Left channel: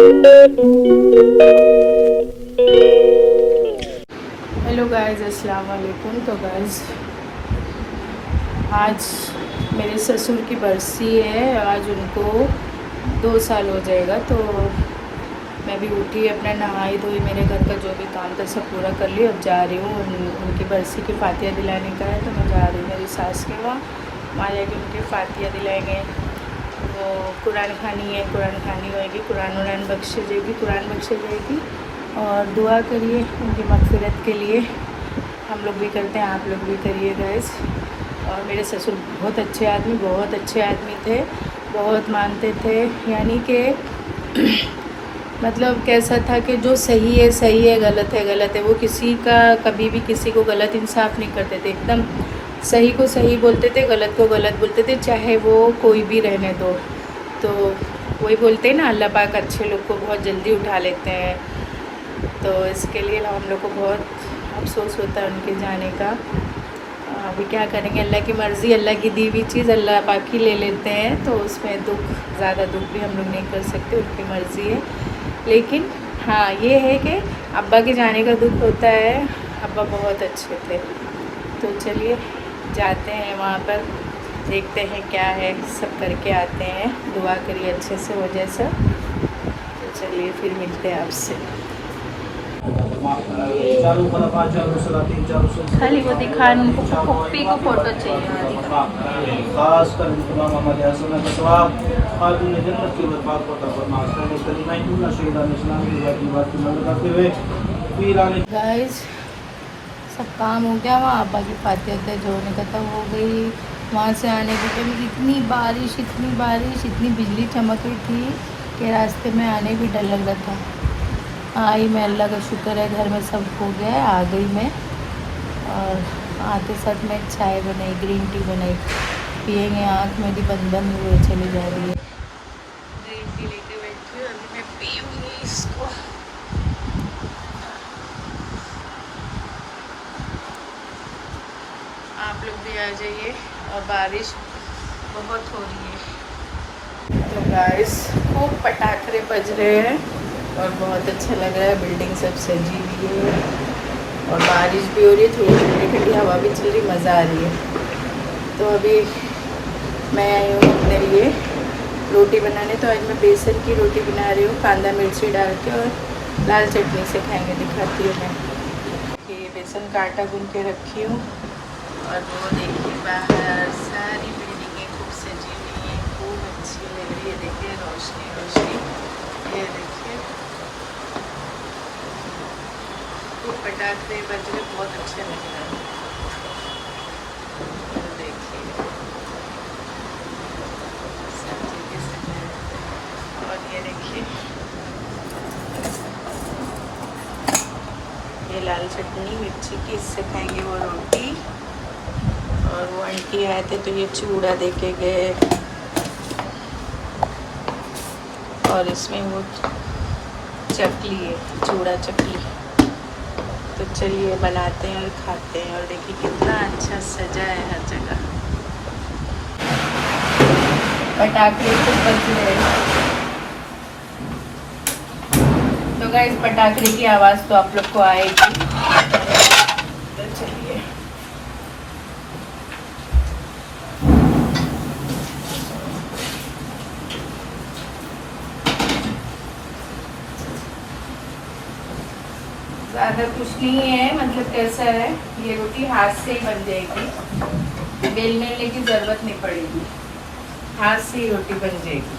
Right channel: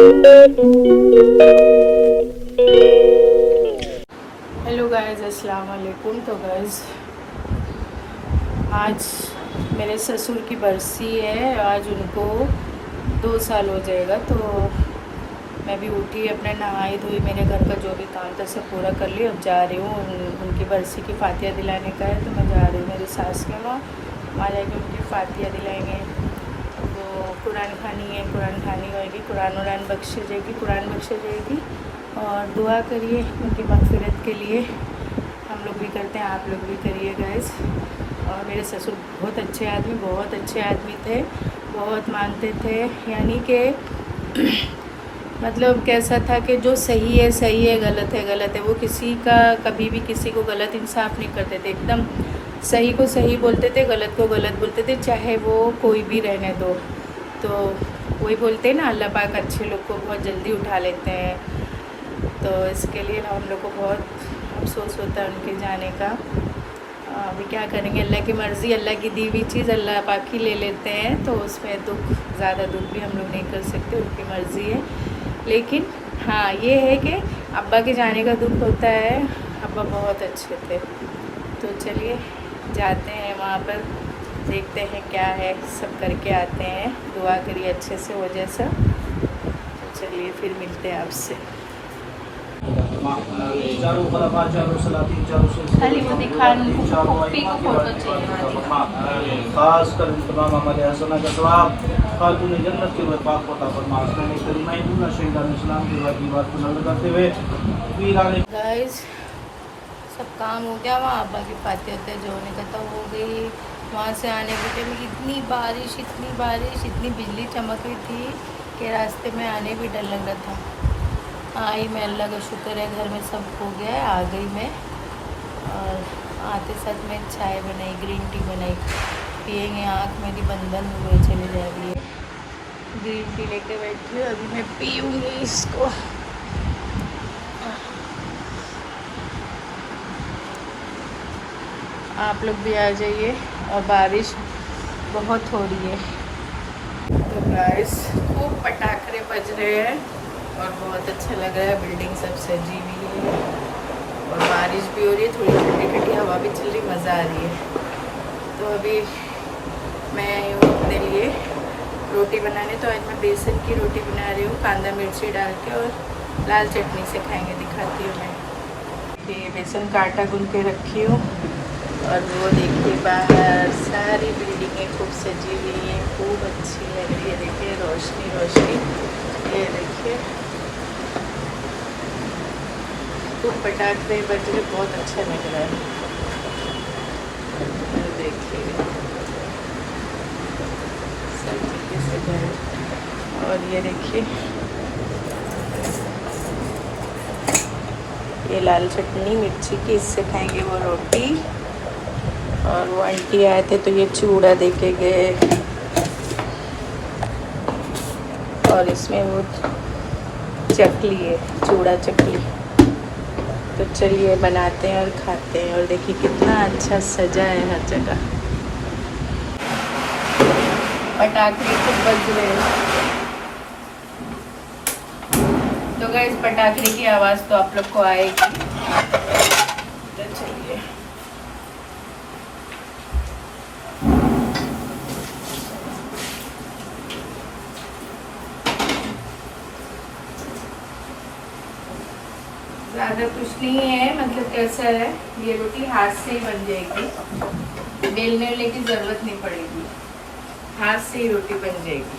Hello guys, अस्सलाम वालेकुम। तो गाइस, आज मेरे ससुर की बरसी है। आज उनको 2 साल हो जाएगा। तो मैं भी उठी, अपना नहाई धोई, मेरे घर का जो भी काम था सब पूरा कर लिया। अब जा रही हूँ, उनकी बरसी की फातिया दिलाने का है। तो मैं जा रही हूँ मेरी सास के वहाँ जाके उनकी फातिया दिलाएंगे। वो कुरान खानी है, कुरान खानी होएगी, कुरान उरान बख्शे जाएगी, कुरान बख्शे जाएगी। और दुआ करिए उनकी मग़फ़िरत के लिए। हम लोग भी करते हैं, आप लोग भी करिए गाइस। और मेरे ससुर बहुत अच्छे आदमी थे, बहुत मानते थे। यानी कि मतलब कैसा था कि जो सही है सही है, गलत है गलत है। वो किसी का कभी भी किसी को गलत इंसाफ नहीं करते थे। एकदम सही को सही बोलते थे, गलत को गलत बोलते थे, चाहे वो कोई भी रहने दो। तो वही बोलते हैं ना, अल्लाह पाक अच्छे लोग को बहुत जल्दी उठा लेते हैं। तो इसके लिए हम लोग को बहुत अफसोस होता है उनके जाने का। अभी क्या करेंगे, अल्लाह की मर्ज़ी, अल्लाह की दी हुई चीज़ अल्लाह पाक ही ले लेते हैं। तो उसमें ज़्यादा दुख भी हम लोग नहीं कर सकते, उनकी मर्ज़ी है। लेकिन हाँ, ये है कि अब्बा के जाने का दुख होता है। अब्बा बहुत अच्छे थे। तो चलिए जाते हैं वहाँ पर, देखते हैं क्या है, सब करके आते हैं। दुआ करिए अच्छे से हो जाए सब। तो चलिए फिर मिलते हैं आपसे। खास कर तमाम हमारे हसना का सवाब खातून जन्नत के पाक होता फरमा। पहले कलिमा शहीदान इस्लाम की बात को नजर करते हुए वीरान गाइस, सब काम हो गया। वहाँ अब्बा की फातिया जो होने का था हो गई। वहाँ से आने के टाइम इतनी बारिश, इतनी बिजली चमक रही थी कि रास्ते में आने भी डर लग रहा था। आई मैं, अल्लाह का शुक्र है, घर में सब हो गया है, आ गई मैं। और आते साथ में चाय बनाई, ग्रीन टी बनाई, पियेंगे। आँख मेरी बंद बंद हुए चली जा रही है। ग्रीन टी लेके बैठी हूँ, अभी मैं पीऊँगी इसको। आप लोग भी आ जाइए। और बारिश बहुत हो रही है। तो गाइस, खूब पटाखे बज रहे हैं और बहुत अच्छा लग रहा है। बिल्डिंग सब सजी हुई है और बारिश भी हो रही है, थोड़ी ठंडी ठंडी हवा भी चल रही, मज़ा आ रही है। तो अभी मैं आई हूँ अपने लिए रोटी बनाने। तो आज मैं बेसन की रोटी बना रही हूँ, कांदा मिर्ची डाल के, और लाल चटनी से खाएंगे। दिखाती हूँ मैं कि बेसन का आटा गूंद के रखी हूँ। और वो देखिए, बाहर सारी बिल्डिंगें खूब सजी हुई हैं, खूब अच्छी लग रही है। देखिए रोशनी रोशनी, ये देखिए खूब पटाखे बज रहे, बहुत अच्छा लग रहा है। और देखिए सब कैसे सजा है। और ये देखिए, ये लाल चटनी मिर्ची की, इससे खाएंगे वो रोटी। और वो आंटी आए थे तो ये चूड़ा देके गए, और इसमें वो चकली है, चूड़ा चकली। तो चलिए बनाते हैं और खाते हैं। और देखिए कितना अच्छा सजा है हर जगह, पटाखे तो बज रहे हैं। तो गाइस, पटाखे की आवाज़ तो आप लोग को आएगी। तो चलिए, ज़्यादा कुछ नहीं है, मतलब कैसा है, ये रोटी हाथ से ही बन जाएगी, बेलने की ज़रूरत नहीं पड़ेगी, हाथ से ही रोटी बन जाएगी।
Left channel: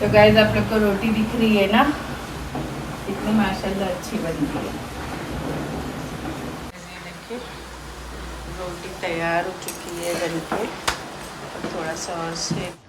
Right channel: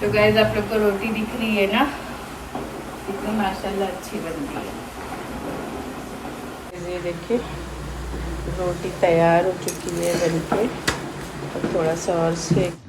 तो गाइस आप लोग को रोटी दिख रही है ना, इतनी माशाल्लाह अच्छी बनी है। ये देखिए रोटी तैयार हो चुकी है बनके, और थोड़ा सा और सेक।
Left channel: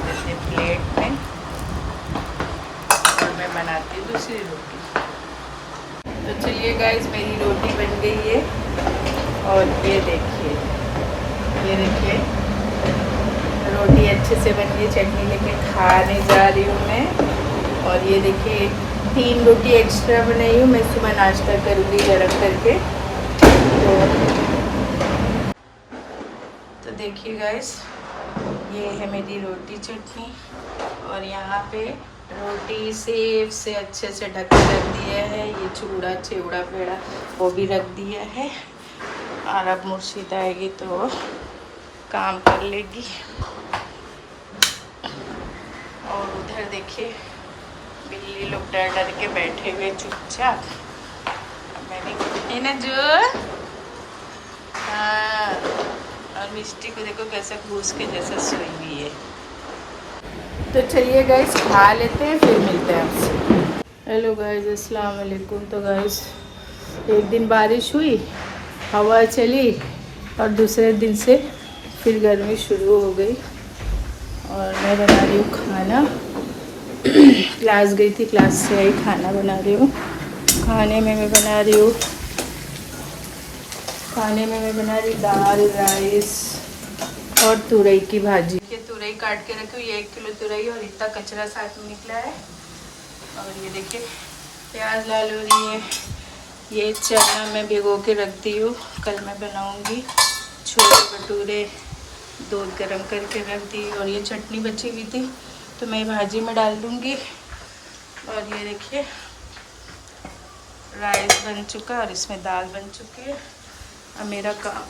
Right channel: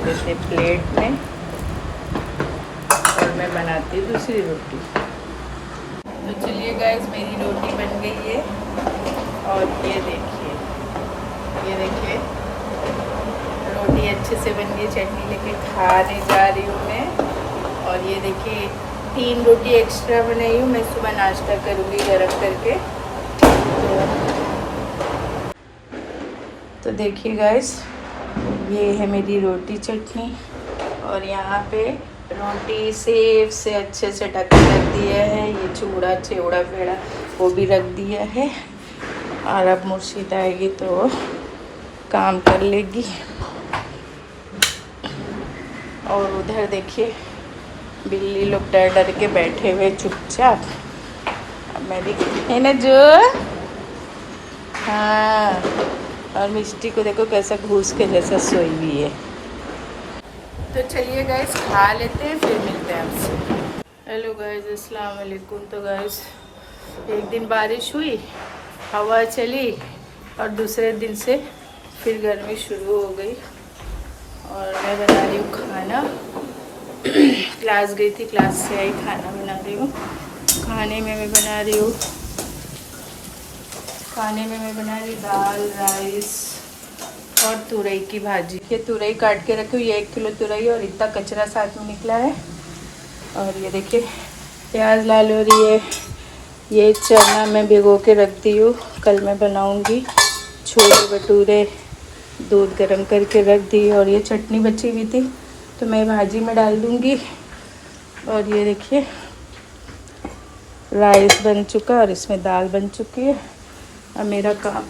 देते प्लेट में, और मैं बनाती हूँ दूसरी रोटी। तो चलिए गाइस मेरी रोटी बन गई है, और ये देखिए रोटी अच्छे से बन गई। चटनी लेके खाने जा रही हूँ मैं। और ये देखिए 3 रोटी एक्स्ट्रा बनाई हूँ, मैं सुबह नाश्ता करूँगी गरम करके। तो देखिए गाइस ये है मेरी रोटी चटनी, और यहाँ पे रोटी सेव से अच्छे से ढक के रख दिया है। ये चूड़ा चिवड़ा पेड़ा वो भी रख दिया है, और अब मुर्शिद आएगी तो काम कर लेगी। और उधर देखिए बिल्ली लोग डर डर के बैठे हुए चुपचाप। अब मैं भी है ना जो, हाँ। और मिष्टी को देखो कैसा घूस के जैसा सोई हुई है। तो चलिए गाइस खा लेते हैं, फिर मिलते हैं आपसे। हेलो गाइस, अस्सलाम वालेकुम। तो गाइस एक दिन बारिश हुई, हवा चली और दूसरे दिन से फिर गर्मी शुरू हो गई। और मैं बना रही हूँ खाना। क्लास गई थी, क्लास से आई, खाना बना रही हूँ। खाने में मैं बना रही हूँ दाल, राइस और तुरई की भाजी। ये तुरई काट के रखी हूँ, ये 1 किलो तुरई और इतना कचरा साथ में निकला है। और ये देखिए प्याज लाल हो रही है। ये चना मैं भिगो के रख दी हूँ, कल मैं बनाऊँगी छोले भटूरे। दूध गर्म करके रख दी और ये चटनी बची हुई थी तो मैं भाजी में डाल दूँगी। और ये देखिए राइस बन चुका और इसमें दाल बन चुकी है। अब मेरा काम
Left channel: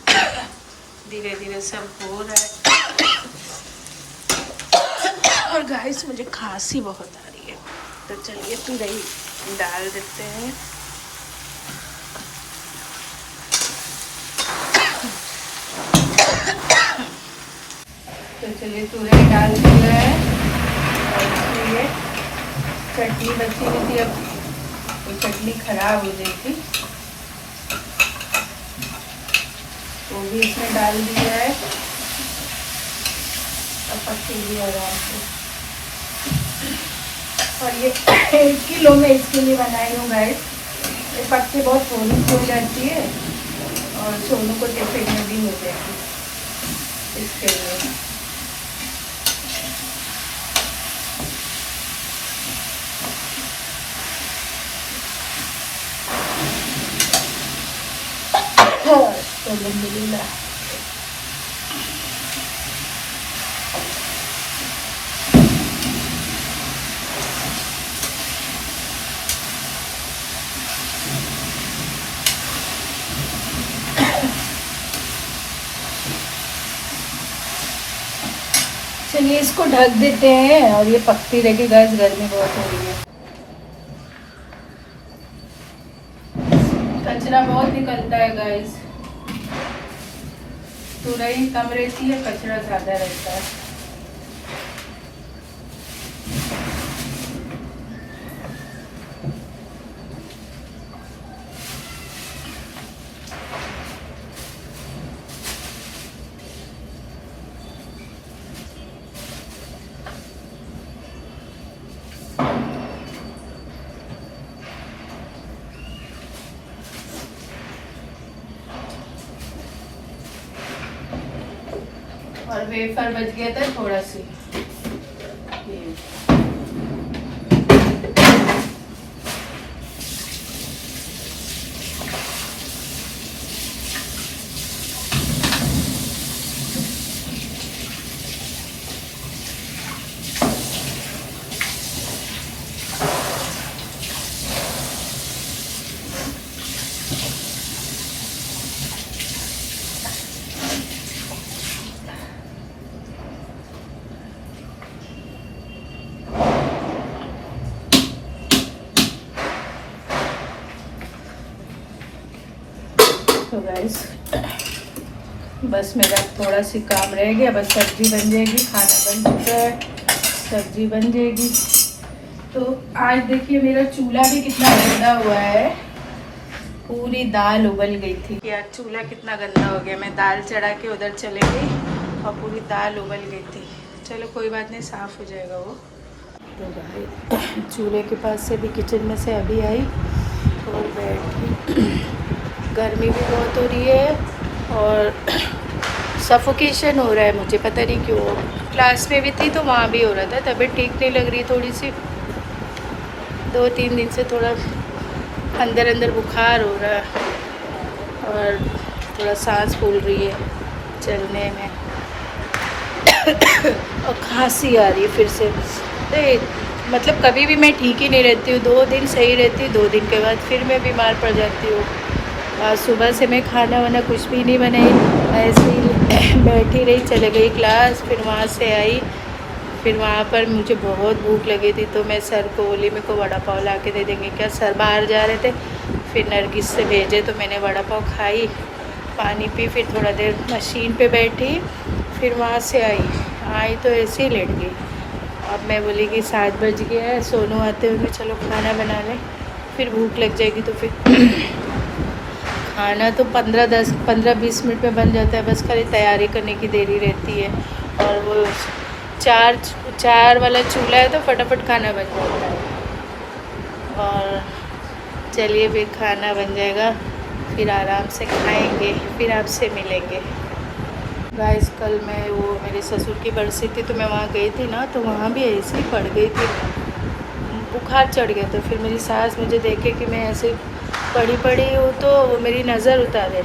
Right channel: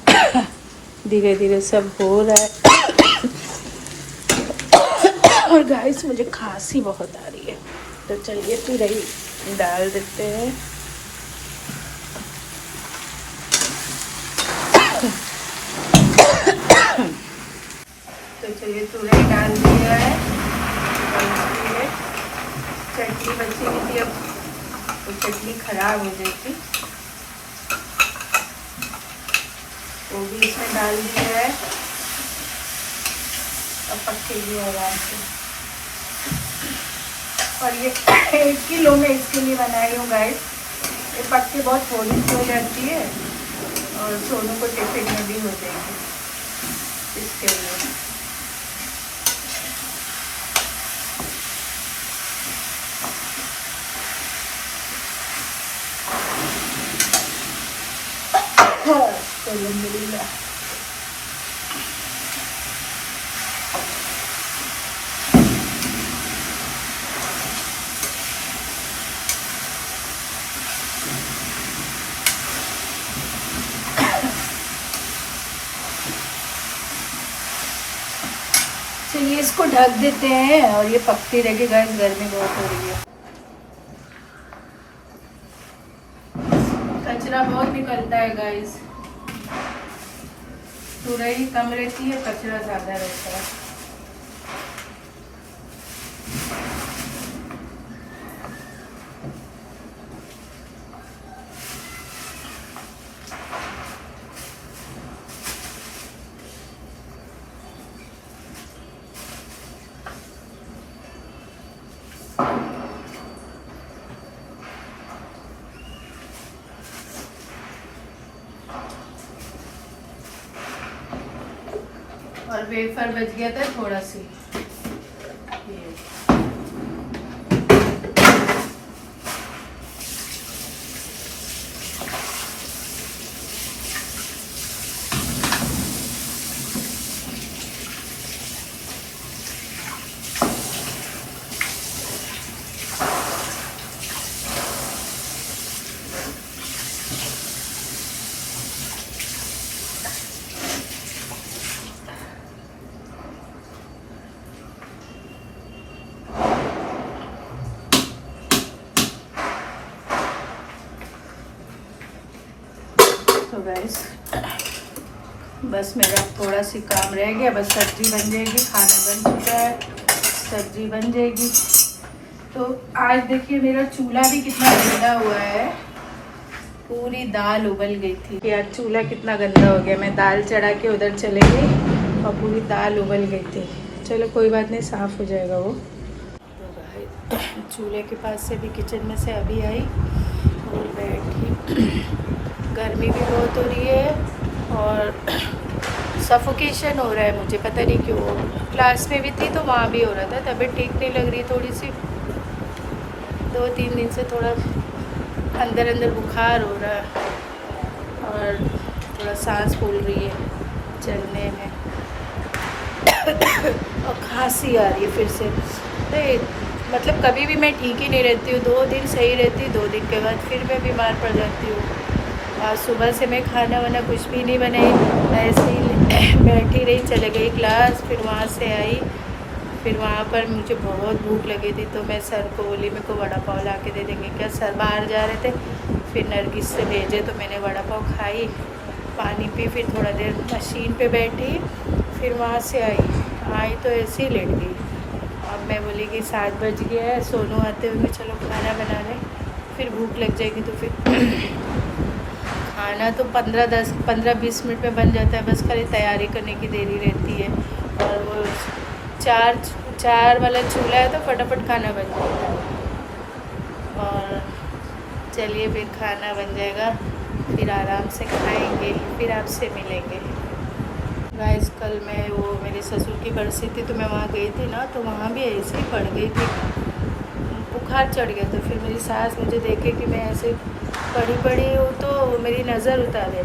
धीरे धीरे सब हो रहा है। और गाइस मुझे खांसी बहुत आ रही है, तो चलिए तुरई डाल देते हैं। तो चलिए तुरई डाल दिया है। और इसलिए चटनी बची हुई थी, अब वो चटनी खराब हो जाएगी, वो भी इसमें डाल दिया है। अब पकेगी आराम से। और ये 1 किलो में इसके लिए बनाई हूँ गाइस। ये पत्ते बहुत थोड़ी सी हो जाती है और सोनू को टिफिन में भी हो जाएगी, इसके लिए। अल्हम्दुलिल्लाह। चलिए इसको ढक देते हैं और ये पकती रहेगी गाइस, गर्मी बहुत हो रही है। कचरा बहुत निकलता है गाइस, तुरई कम रहती है, कचरा ज़्यादा रहता है। और वेफर बच गया था थोड़ा सी। तो गाइस बस मेरा थोड़ा सी काम रह गया, बस सब्जी बन जाएगी। खाना बन चुका है, सब्जी बन जाएगी। तो आज देखिए मेरा चूल्हा भी कितना गंदा हुआ है, पूरी दाल उबल गई थी। यार चूल्हा कितना गंदा हो गया, मैं दाल चढ़ा के उधर चले गई और पूरी दाल उबल गई थी। चलो कोई बात नहीं, साफ़ हो जाएगा वो। तो भाई चूल्हे के पास से भी, किचन में से अभी आई और बैठी। गर्मी भी बहुत हो रही है और सफोकेशन हो रहा है, मुझे पता नहीं क्यों। क्लास में भी थी तो वहाँ भी हो रहा था, तबीयत ठीक नहीं लग रही थोड़ी सी। 2-3 दिन से थोड़ा अंदर अंदर बुखार हो रहा है और थोड़ा सांस फूल रही है चलने में और खांसी आ रही है फिर से। मतलब कभी भी मैं ठीक ही नहीं रहती हूँ, 2 दिन सही रहती हूँ, 2 दिन के बाद फिर मैं बीमार पड़ जाती हूँ। आज सुबह से मैं खाना वाना कुछ भी नहीं बनाई, ऐसे ही बैठी रही, चले गई क्लास। फिर वहाँ से आई, फिर वहाँ पर मुझे बहुत भूख लगी थी तो मैं सर को बोली मेरे को वड़ा पाव ला के दे देंगे क्या। सर बाहर जा रहे थे, फिर नरगिस से भेजे तो मैंने वड़ा पाव खाई, पानी पी, फिर थोड़ा देर मशीन पे बैठी, फिर वहाँ से आई तो ऐसे ही लेट गई। अब मैं बोली कि 7 बज गया है, सोनू आते होंगे, चलो खाना बना लें, फिर भूख लग जाएगी तो फिर खाना तो 15-20 मिनट में बन जाता है, बस खाली तैयारी करने की देरी रहती है। और वो चार वाला चूल्हा है तो फटाफट खाना बन जाता है। और चलिए फिर खाना बन जाएगा, फिर आराम से खाएंगे, फिर आपसे मिलेंगे। गाइस कल मैं वो मेरे ससुर की बरसी थी तो मैं वहाँ गई थी ना, तो वहाँ भी ऐसे ही पड़ गई थी, बुखार चढ़ गया। तो फिर मेरी सास मुझे देखे कि मैं ऐसे पड़ी हूँ तो वो मेरी नज़र उतारे।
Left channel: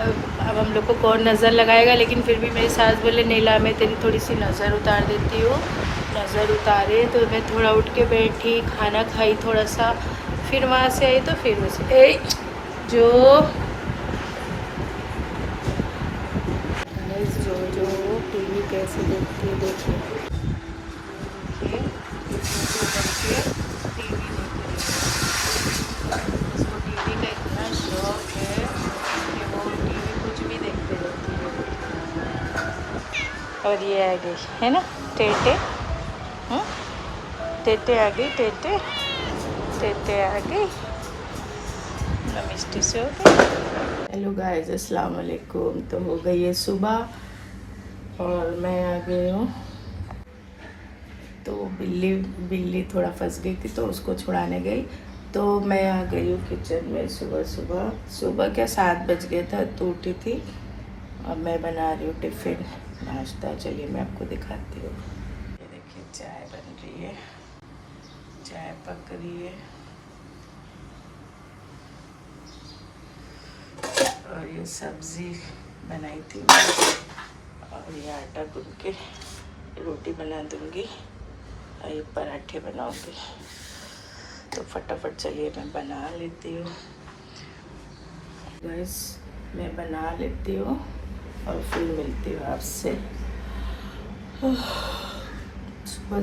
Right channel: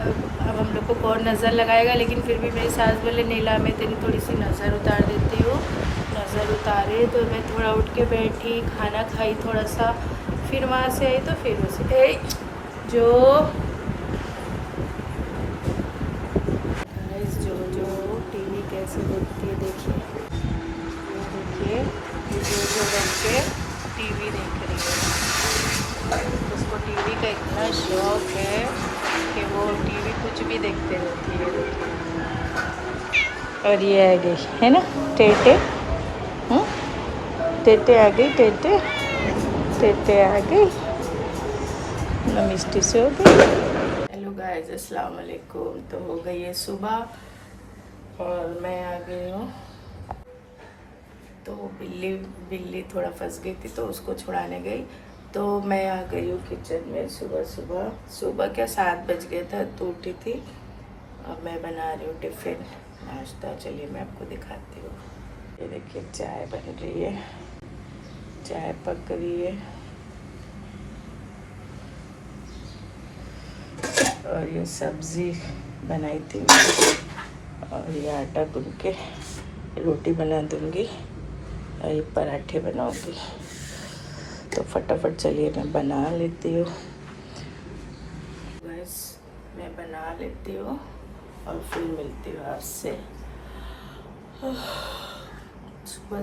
अब हम लोग को कौन नज़र लगाएगा, लेकिन फिर भी मेरी सास बोले नीला मैं तेरी थोड़ी सी नज़र उतार देती हूँ। नज़र उतारे तो मैं थोड़ा उठ के बैठी, खाना खाई थोड़ा सा, फिर वहाँ से आई तो फिर उसे जो टीवी कैसे देखती है देखिए, जो रख के टीवी देख रही है। उसको टीवी का इतना शौक है कि वो टीवी कुछ भी देखते रहती है। और ये आ गई है ना टेटे, टेटे आ गई, टेटे आ गई, मिष्टी से हो गई। हेलो गाइस, अस्सलाम वालेकुम। तो हो गई है सुबह और मैं आ गई हूँ। तो बिल्ली थोड़ा फंस गई थी तो उसको छुड़ाने गई, तो मैं आ गई हूँ किचन में। सुबह क्या 7 बज गया था तो उठी थी। अब मैं बना रही हूँ टिफ़िन नाश्ता। चलिए मैं आपको दिखाती हूँ। ये देखिए चाय बन रही है, चाय पक रही है और ये सब्ज़ी बनाई थी और ये आटा गूंद के रोटी बना दूँगी और ये पराठे बनाऊँगी। तो फटाफट चलिए मैं बना लेती हूँ। बस मैं बना लेती हूँ और फिर मिलती हूँ आपसे।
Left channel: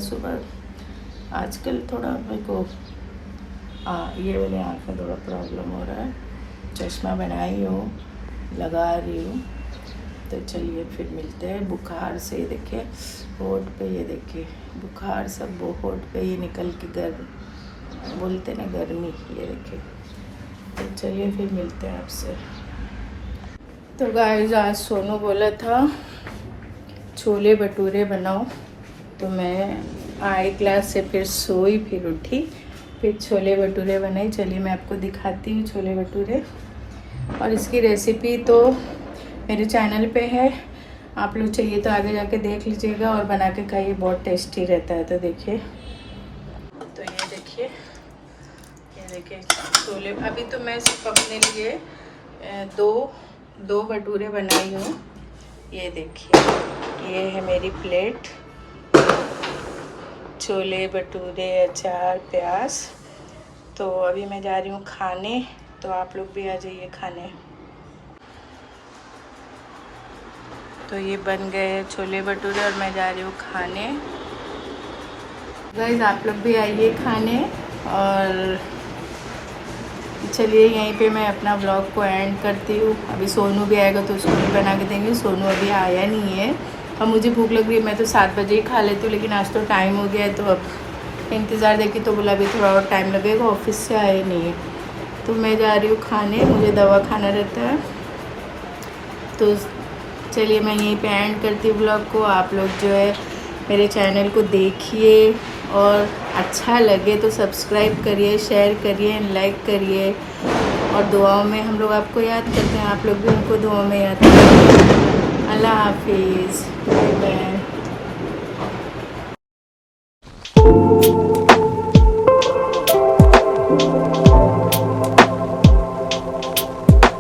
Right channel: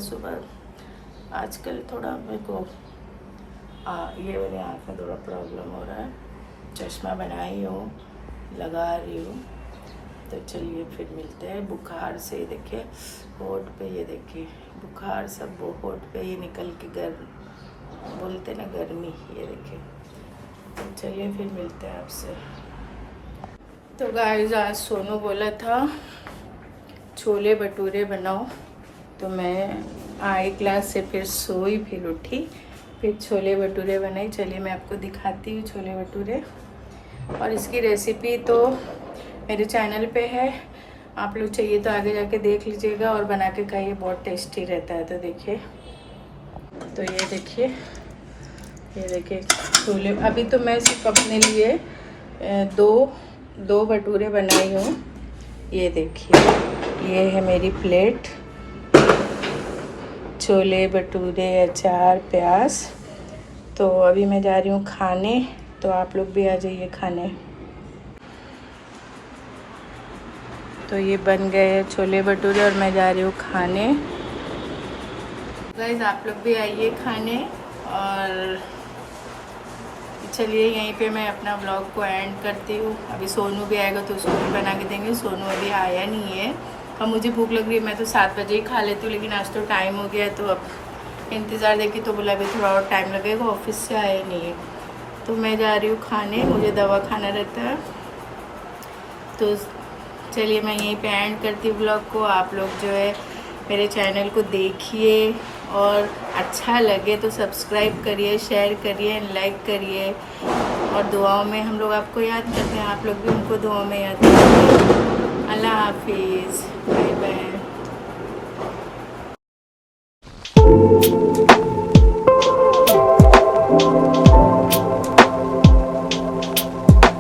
सुबह आजकल थोड़ा मेरे को ये मेरे आँख में थोड़ा प्रॉब्लम हो रहा है। चश्मा बनाई हूँ, लगा रही हूँ। तो चलिए फिर मिलते हैं। बुखार से देखिए होठ पे, ये देखिए बुखार सब वो होठ पे ये निकल के बोलते ना गर्मी, ये देखिए। तो चलिए फिर मिलते हैं आपसे। तो गाइस आज सोनू बोला था छोले भटूरे बनाओ, तो मैं आई क्लास से फिर सोई, फिर उठी, फिर छोले भटूरे बनाई। चलिए मैं आपको दिखाती हूँ छोले भटूरे। और इसकी रेसिपी तो मेरे चैनल पे है, आप लोग चाहिए तो आगे जाके देख लीजिएगा और बना के खाइए, बहुत टेस्टी रहता है। तो देखिए, तो ये देखिए छोले। अभी तो मैं सिर्फ अपने लिए दो भटूरे बनाई हूँ। ये देखिए, ये है मेरी प्लेट, छोले भटूरे, अचार, प्याज। तो अभी मैं जा रही हूँ खाने, तो आप लोग भी आ जाइए खाने। तो ये बन गए हैं छोले भटूरे और मैं जा रही हूँ खाने। गाइस आप लोग भी आइए खाने। और चलिए यहीं पे मैं अपना व्लॉग को एंड करती हूँ। अभी सोनू भी आएगा तो उसको भी बना के देंगे। सोनू अभी आया नहीं है और मुझे भूख लग रही है। मैं तो 7 बजे ही खा लेती हूँ, लेकिन आज तो टाइम हो गया है तो अब इंतज़ार देखी तो बोला अभी थोड़ा और टाइम लगेगा, ऑफिस से आए नहीं है। तो मैं जा रही हूँ खाने, मुझे दवा खाना रहता है। तो चलिए मैं यहीं पे एंड करती हूँ ब्लॉग को। आप लोग जो है मेरे चैनल को देखिए और अच्छा लगे तो सब्सक्राइब करिए, शेयर करिए, लाइक करिए। और दुआओं में हम लोग आपको याद करते हैं, आप लोग भी हमको दुआओं में याद करिए। अल्लाह हाफिज़, बाय बाय।